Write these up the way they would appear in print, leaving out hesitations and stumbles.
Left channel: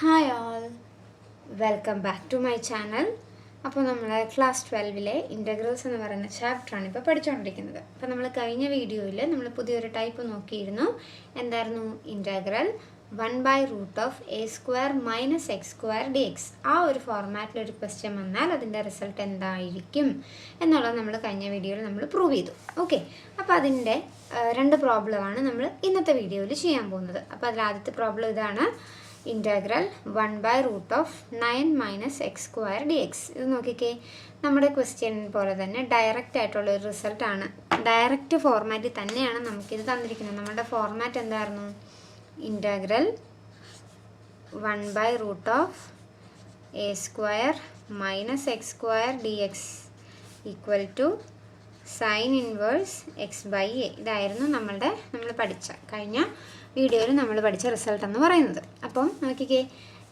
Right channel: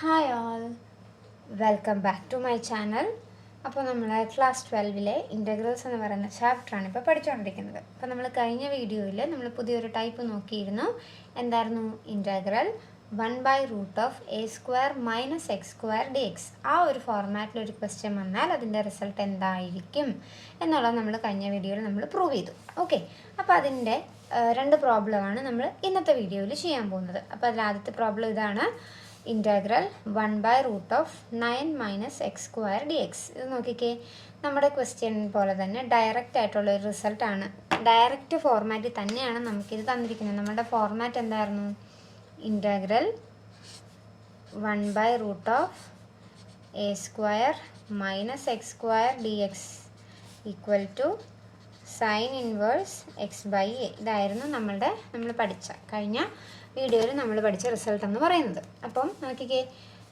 Hi all, welcome back to my channel. അപ്പോൾ നമ്മൾ class 12 integrals എന്ന് പറയുന്ന ചാപ്റ്ററാണ് ഇപ്പോൾ പഠിച്ചുകൊണ്ടിരിക്കുന്നത്. അപ്പോൾ നമ്മൾ കഴിഞ്ഞ വീഡിയോയിൽ നമ്മൾ പുതിയൊരു ടൈപ്പ് നോക്കിയിരുന്നു. എന്തായിരുന്നു? Integral 1/√(a² - x² dx. ആ ഒരു ഫോർമാറ്റിൽ ഒരു ക്വസ്റ്റ്യൻ വന്നാൽ അതിൻ്റെ റിസൾട്ട് എന്തായിരിക്കും എന്നുള്ളത് നമ്മൾ കഴിഞ്ഞ വീഡിയോയിൽ നമ്മൾ പ്രൂവ് ചെയ്തു. ഓക്കെ, അപ്പോൾ അതിൻ്റെ രണ്ട് പ്രോബ്ലമാണ് നമ്മൾ ഇന്നത്തെ വീഡിയോയിൽ ചെയ്യാൻ പോകുന്നത്. അപ്പോൾ അതിൽ ആദ്യത്തെ പ്രോബ്ലം ഇതാണ്, ഇൻ്റഗ്രൽ 1/√9 - x² dx. ഇത് നോക്കിക്കേ, നമ്മുടെ ക്വസ്റ്റ്യൻ പോലെ തന്നെ ഡയറക്റ്റ് ആയിട്ടുള്ള ഒരു റിസൾട്ടാണ്. ഡയറക്റ്റ് ഫോർമാറ്റിൽ തന്നെയാണ് നമുക്കിത് തന്നിരിക്കുന്നത്. നമ്മുടെ ഫോർമാറ്റ് എന്തായിരുന്നു? Integral 1/√(a² - x² dx equal to sine inverse x/a. ഇതായിരുന്നു നമ്മൾ പഠിച്ച കഴിഞ്ഞ വീഡിയോയിൽ നമ്മൾ പഠിച്ച റിസൾട്ട് എന്ന് പറയുന്നത്. അപ്പം നോക്കിക്കേ,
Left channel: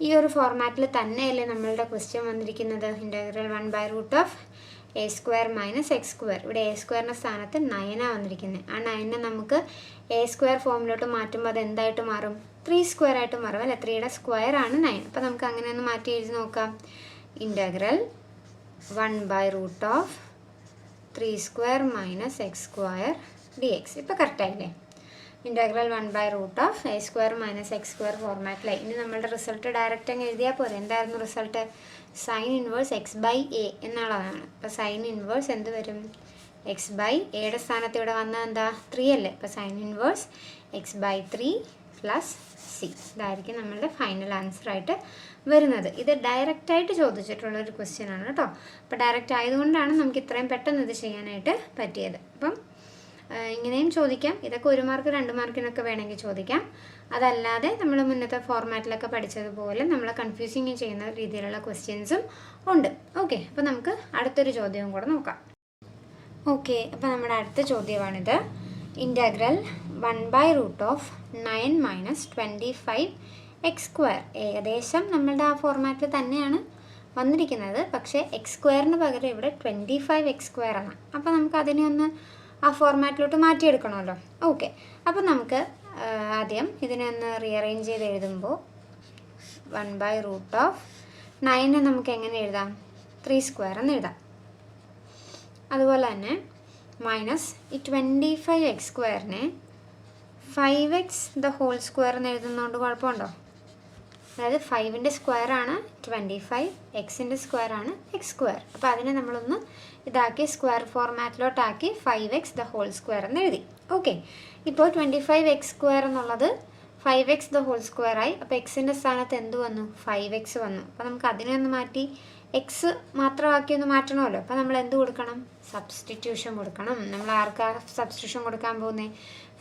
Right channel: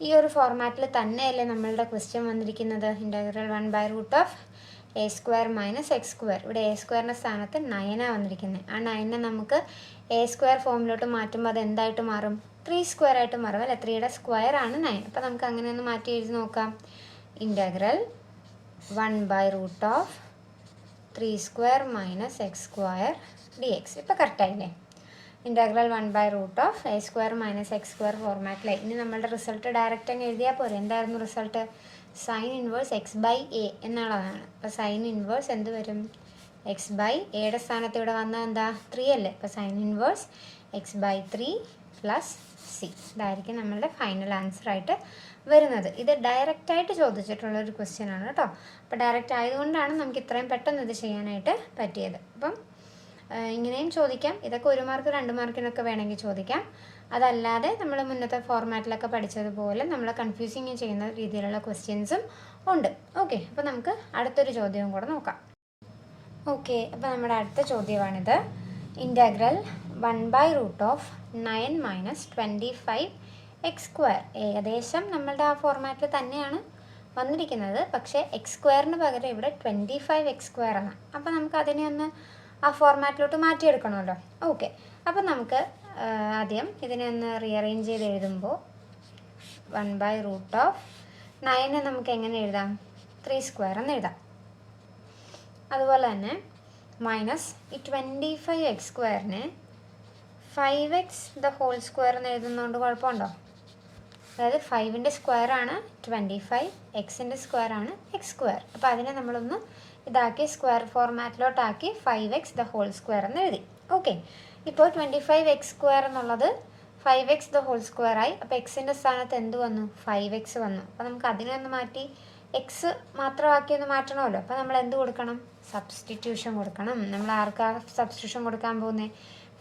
ഈ ഒരു ഫോർമാറ്റിൽ തന്നെയല്ലേ നമ്മളുടെ ക്വസ്റ്റ്യൻ വന്നിരിക്കുന്നത്. Integral 1/√(a² - x². ഇവിടെ a² സ്ഥാനത്ത് 9 വന്നിരിക്കുന്നത്. ആ 9 നമുക്ക് a² ഫോമിലോട്ട് മാറ്റുമ്പോൾ അത് എന്തായിട്ട് മാറും? 3² ആയിട്ട് മാറും അല്ലേ? 3യുടെ സ്ക്വയർ ആണ് 9. അപ്പോൾ നമുക്ക് അങ്ങനെ ഒന്ന് മാറ്റി എഴുതി നോക്കാം. Integral 1/√(3² - x² dx. ഇപ്പോൾ കറക്റ്റായില്ലേ? Integral 1/√(a² - x² ഫോർമാറ്റിലായി. ഇനി നമ്മളുടെ റിസൾട്ട് ഡയറക്റ്റ് അങ്ങ് എഴുതിയാൽ പോരെ. എന്തായിരുന്നു റിസൾട്ട്? സൈൻ ഇൻവേഴ്സ് x/a എന്നുള്ളതാണ്. അപ്പോൾ സൈൻ ഇൻവേഴ്സ് എന്ത് വരും? x/aയുടെ സ്ഥാനത്ത് ഇവിടെ വന്നാൽ എന്താ? 3 അല്ലേ? അപ്പോൾ സൈൻ ഇൻവേഴ്സ് x/3 + c. ഇതായിരിക്കും നമ്മളുടെ ഫൈനൽ ആൻസർ ആയിട്ട് വരുന്നത്. ഇത് ഡയറക്റ്റായിട്ട് ചോദിച്ചിട്ടുള്ളൊരു ക്വസ്റ്റ്യൻ ആണ് കേട്ടോ. അപ്പോൾ ഡയറക്റ്റ് ആയതുകൊണ്ടാണ് നമുക്ക് ഇത്രയും പെട്ടെന്ന് ഇത് ചെയ്യാനായിട്ട് പറ്റിയത്. അപ്പം ഇങ്ങനെയും ചോദിക്കാം. ഇതൊക്കെ 1 മാർക്ക് 2 മാർക്കിനൊക്കെ വേണമെങ്കിൽ ചോദിക്കാം. അതല്ലാതെ നമ്മൾ മുന്നത്തെ ഫോർമാറ്റിലൊക്കെ പഠിച്ചതുപോലെ നമ്മളെ കൺഫ്യൂസിങ് ചെയ്യുന്ന രീതിയിലുള്ള ക്വസ്റ്റ്യൻസും ഉണ്ട്. ഓക്കെ, അപ്പോൾ നമുക്ക് അടുത്തൊരു ചോദ്യവും കൂടെ നോക്കാം. ഓക്കെ, അപ്പോൾ നമ്മുടെ അടുത്ത ചോദ്യമാണിത്. Integral 1/√(9 - 25 x². ഏകദേശം നമ്മളുടെ ആ ഫോർമാറ്റിൽ തന്നെയാണ് വന്നിരിക്കുന്നത്. പക്ഷേ x² പകരം ഇവിടെ 25 x² ആണ്. അപ്പോൾ നമുക്ക് അതിനെ ഒന്ന് ആ ഫോർമാറ്റിലോട്ട് മാറ്റിയെടുക്കണമല്ലോ. ഓക്കെ, അപ്പോൾ നമുക്ക് ആദ്യം ഇതിനെ ഒന്ന് റീഅറേഞ്ച് ചെയ്ത് എഴുതുമ്പോൾ 1/√(9 നമുക്ക് എങ്ങനെ എഴുതാം? 3² എന്ന് എഴുതാം. അതുപോലെ തന്നെ മൈനസ് ഈ 25 x² 5x² എന്ന് എഴുതുന്നതുകൊണ്ട് കുഴപ്പമുണ്ടോ? അതായത് 5ൻ്റെ സ്ക്വയറാണ് 25, എക്സിൻ്റെ സ്ക്വയറാണ് x². അപ്പോൾ അതിനെ നമ്മളൊന്ന് ഇതാക്കി സ്ക്വയർ ഫോർമാറ്റിലോട്ടാക്കി 5x² എന്ന് എഴുതി. ഓക്കെ, ഇപ്പോൾ 25 x² എന്നുള്ളത് 5x² ആയി. അപ്പോൾ എക്സിൻ്റെ സ്ഥാനത്ത് എന്ത് വന്നു? 5x വന്നു. അപ്പോൾ നമുക്ക് അതിനെ ഒന്ന് മാറ്റി എക്സ് മാത്രമാക്കി ഒന്ന് മാറ്റണമല്ലോ. അപ്പോൾ നമ്മൾ എന്ത് കൊടുക്കണം? സബ്സ്റ്റിറ്റ്യൂഷൻ കൊടുക്കണം. നമ്മൾ ആർക്കാണ് സബ്സ്റ്റിറ്റ്യൂഷൻ കൊടുക്കാൻ പോകുന്നത്?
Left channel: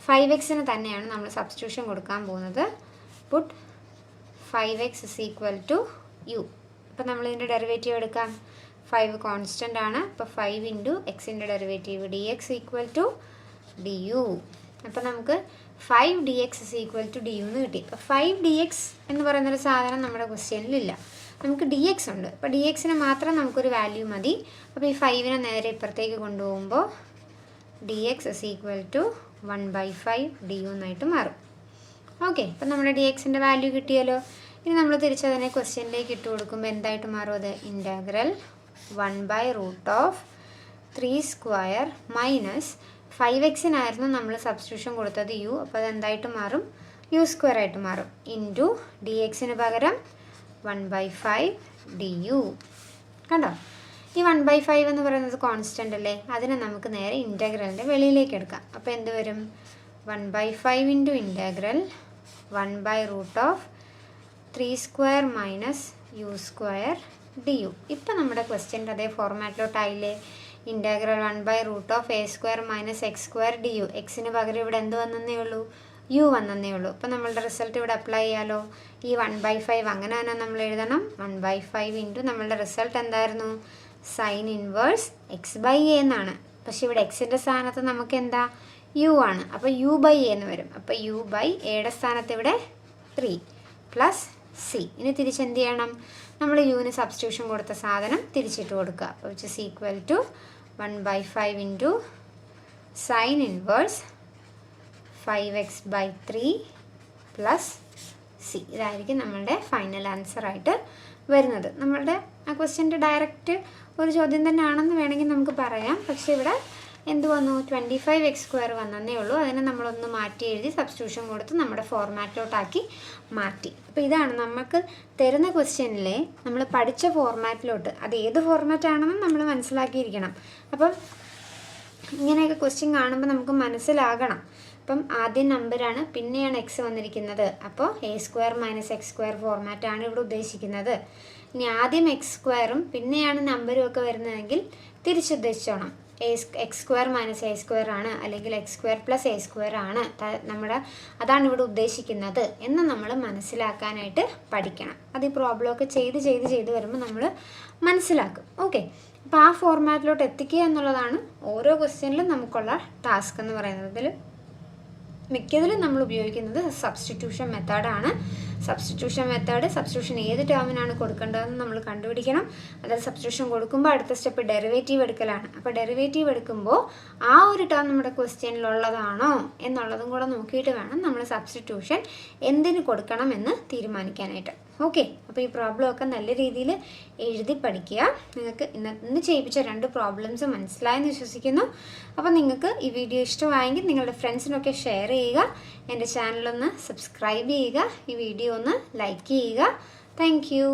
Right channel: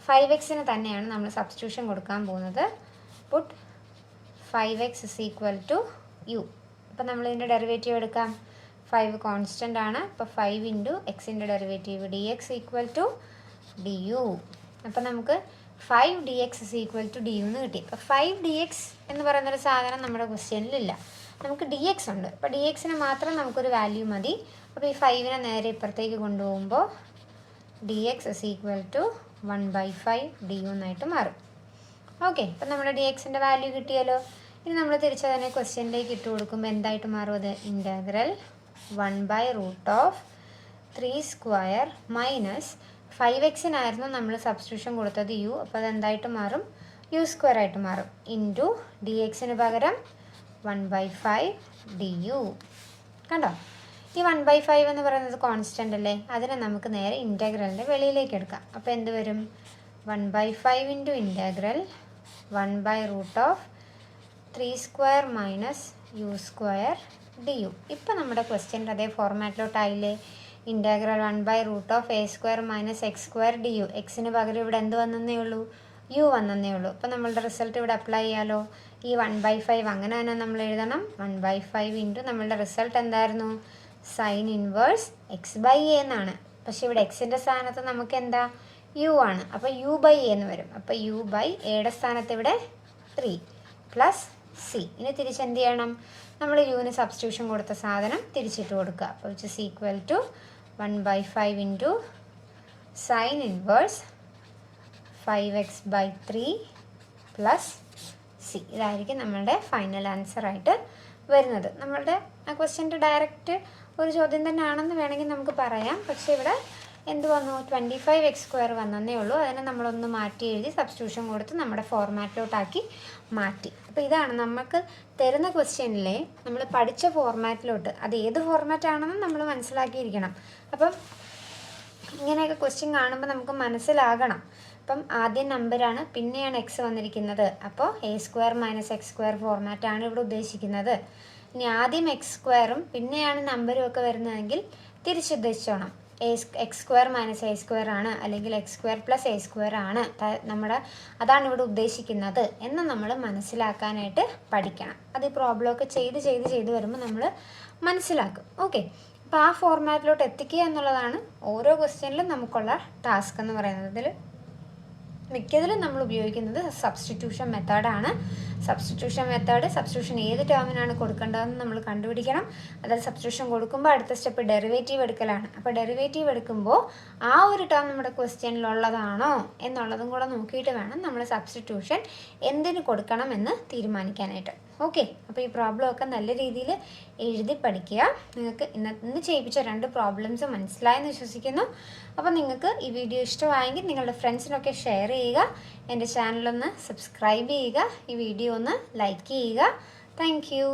5xന് തന്നെയാണ് നമ്മൾ സബ്സ്റ്റിറ്റ്യൂഷൻ കൊടുക്കാൻ പോകുന്നത്. Puttu 5x = u. അപ്പോൾ നമ്മളിതിൻ്റെ ഡെറിവേറ്റീവ് എടുക്കാം. 5 കോൺസ്റ്റൻ്റ് ആണ്. അപ്പോൾ 5 × എക്സിൻ്റെ ഡെറിവേറ്റീവ് dx = du. അപ്പോൾ നമുക്ക് 5 dx = du എന്ന് കിട്ടി. അപ്പോൾ 5 dx എന്ന് പറയുന്നൊരു സാധനം നമ്മുടെ ക്വസ്റ്റ്യനിലില്ല. നമുക്ക് dx ഉണ്ട്. അപ്പോൾ dxന് മാത്രം നമുക്കൊരു വാല്യൂ മതി. അപ്പോൾ ഈ 5നെ നേരെ ഇപ്പുറത്തേക്ക് കൊണ്ടുപോകുമ്പോൾ dx = 1/5 du എന്നായിട്ട് മാറും. ഓക്കെ, അപ്പം നമ്മുടെ dxൻ്റെ വാല്യൂ കിട്ടിയല്ലോ. ഇനി നമ്മൾ തിരിച്ചതിനെ ക്വസ്റ്റ്യനിലേക്ക് ഇട്ട് കൊടുക്കുമ്പോൾ എന്തായിട്ട് മാറും? അത് ഇൻ്റഗ്രൽ 1/√(3² - 5x-നായിരുന്നു നമ്മൾ സബ്സ്റ്റിറ്റ്യൂഷൻ കൊടുത്തത് u. അപ്പോൾ അതെന്തായിട്ട് മാറും? u² ആയിട്ട് മാറും. ഇൻറ്റു dxന് പകരം 1/5 du. കണ്ടോ? ഈ 1/5 എന്ന് പറയുന്നത് കോൺസ്റ്റൻ്റ് അല്ലേ? അതിനെ നമുക്ക് നേരെ ഇൻ്റഗ്രലിൻ്റെ വെളിയിലേക്ക് എടുക്കാം. അപ്പോൾ എന്ത് വരും? 1/5 × ഇൻ്റഗ്രൽ 1/√(3² - u² du. ഇപ്പോൾ നമ്മുടെ ക്വസ്റ്റ്യൻ്റെ അതേ ഫോർമാറ്റിലോട്ടായില്ലേ? Integral 1/√(a² - x² du. എക്സിന് പകരം ഇവിടെ എന്ത് വന്നേ ഉള്ളൂ? u വന്നേ ഉള്ളൂ. അപ്പോൾ നമ്മളുടെ റിസൾട്ട് ഇവിടെ അപ്ലൈ ചെയ്യാലോ. ഈ 1/5 അങ്ങനെ തന്നെ നമ്മൾ എഴുതണം. 1/5 × നമ്മളുടെ റിസൾട്ട് എന്തായിരുന്നു? സൈൻ ഇൻവേഴ്സ് x/a എന്നാണ്. പക്ഷെ ഇവിടെ എക്സിൻ്റെ സ്ഥാനത്ത് നമുക്ക് എന്താ? u ആണ്. അപ്പോൾ u/a എന്ന് വരും. അപ്പോൾ u/aയുടെ സ്ഥാനത്ത് ഇവിടെ 3 + c. ഇനി തിരിച്ചെന്ത് ചെയ്യണം? നമ്മൾ യുവിന് സബ്സ്റ്റിറ്റ്യൂഷൻ കൊടുത്ത സാധനം തിരിച്ചിട്ട് കൊടുക്കുക. അപ്പോൾ which is equal to 1/5 × sine inverse 5x/3 + C. ഇതായിരിക്കും നമ്മളുടെ ഫൈനൽ ആൻസറായിട്ട് വരുന്നത്. നമ്മളുടെ ആ ക്വസ്റ്റ്യൻ്റെ ഡയറക്റ്റ് ഒരു ചോദ്യം തന്നെയാണെന്ന് വേണമെങ്കിൽ നമുക്ക് പറയാം. പക്ഷേ ഇവിടെ എന്ത് വന്നു, 25x² വന്നേ ഉള്ളൂ. അതിനെ നമ്മളൊന്ന് മാറ്റി എഴുതി സബ്സ്റ്റിറ്റ്യൂഷൻ കൊടുത്ത് നമ്മുടെ ഫോർമാറ്റിലോട്ടാക്കി മാറ്റി. അപ്പോൾ ഇതാണ് നമുക്ക് തരുന്ന ക്വസ്റ്റ്യനിലെ നമ്മൾ പഠിച്ച ഫോർമാറ്റിലോട്ട്, അത് ഏത് ഫോർമാറ്റാണെന്നും നമ്മൾ മനസ്സിലാക്കിയിരിക്കണം. അപ്പം ഇങ്ങനെയൊക്കെ ക്വസ്റ്റ്യൻ കാണുമ്പോൾ നമുക്ക് മനസ്സിലാകണം. അപ്പം ആദ്യം നമ്പറാണ്, പിന്നെയാണ് എക്സ് വന്നിരിക്കുന്നത്. അപ്പോൾ a² - x² ഫോർമാറ്റാണ് ഇവിടെ ഉദ്ദേശിക്കുന്നത്. ഇനി ആദ്യം x²ഉം പിന്നെയാണ് നമ്പരും ഒക്കെ വരുന്നതെങ്കിൽ തിരിച്ചുദ്ദേശിച്ചോണം. x² - a² ആണ്, അല്ലെങ്കിൽ x² + a² ആണ് അതാണ് ഇവിടെ ഉദ്ദേശിക്കുന്നത് എന്ന് നമ്മൾ മനസ്സിലാക്കാനായിട്ട് പഠിക്കണം. അത് ഈ പ്രോബ്ലമൊക്കെ ചെയ്ത് വരുമ്പോൾ നമ്മൾ മനസ്സിലാക്കും. ഓക്കെ, അപ്പോൾ ആ ഫോർമാറ്റിലോട്ട് എത്തിക്കുക എന്നുള്ളതാണ് ഓരോ ക്വസ്റ്റ്യനിലും നമുക്കുള്ള ടാസ്ക് എന്ന് പറയുന്നത്. ഇതിൽ മിക്കതിലും നമ്മൾ ഉപയോഗിക്കുന്നത് സബ്സ്റ്റിറ്റ്യൂഷൻ മെത്തേഡാണ്. സബ്സ്റ്റിറ്റ്യൂഷൻ ഏത് ടേമിനാണ് കൊടുക്കേണ്ടതെന്ന് നമ്മൾ കണ്ടുപിടിക്കണം. അതായത് സബ്സ്റ്റിറ്റ്യൂഷൻ കൊടുക്കുമ്പോൾ അടുത്ത സ്റ്റെപ്പ് ഡെറിവേറ്റീവ് എടുക്കലാണ്. അപ്പോൾ ഡെറിവേറ്റീവ് എടുക്കുമ്പോൾ ആ ഒരു ടേം നമ്മുടെ ക്വസ്റ്റ്യനിലുള്ളതാണോ എന്നുള്ളതും കൂടെ നോക്കിയിട്ട് വേണം നമ്മൾ സബ്സ്റ്റിറ്റ്യൂഷൻ എന്തിന് കൊടുക്കണം എന്ന് തീരുമാനിക്കാനായിട്ട്. ഓക്കെ, അപ്പോൾ ഈ പ്രോബ്ലമൊക്കെ നല്ല രീതിയിൽ എഴുതി പഠിക്കുക. നിങ്ങൾക്ക് ഇന്ന് ചെയ്യിപ്പിച്ച 2 പ്രോബ്ലംസ് മനസ്സിലായെന്ന് വിശ്വസിക്കുന്നു. അപ്പോൾ നിങ്ങൾക്ക് ഈ വീഡിയോ ഇഷ്ടമായെങ്കിൽ നിങ്ങളുടെ ഫ്രണ്ട്സിനൊക്കെ ഷെയർ ചെയ്യുക. എൻ്റെ ചാനലൊന്ന് സബ്സ്ക്രൈബ് ചെയ്യുക. ഈ വീഡിയോ ഒന്ന് ലൈക്ക് ചെയ്യുക. Thank you.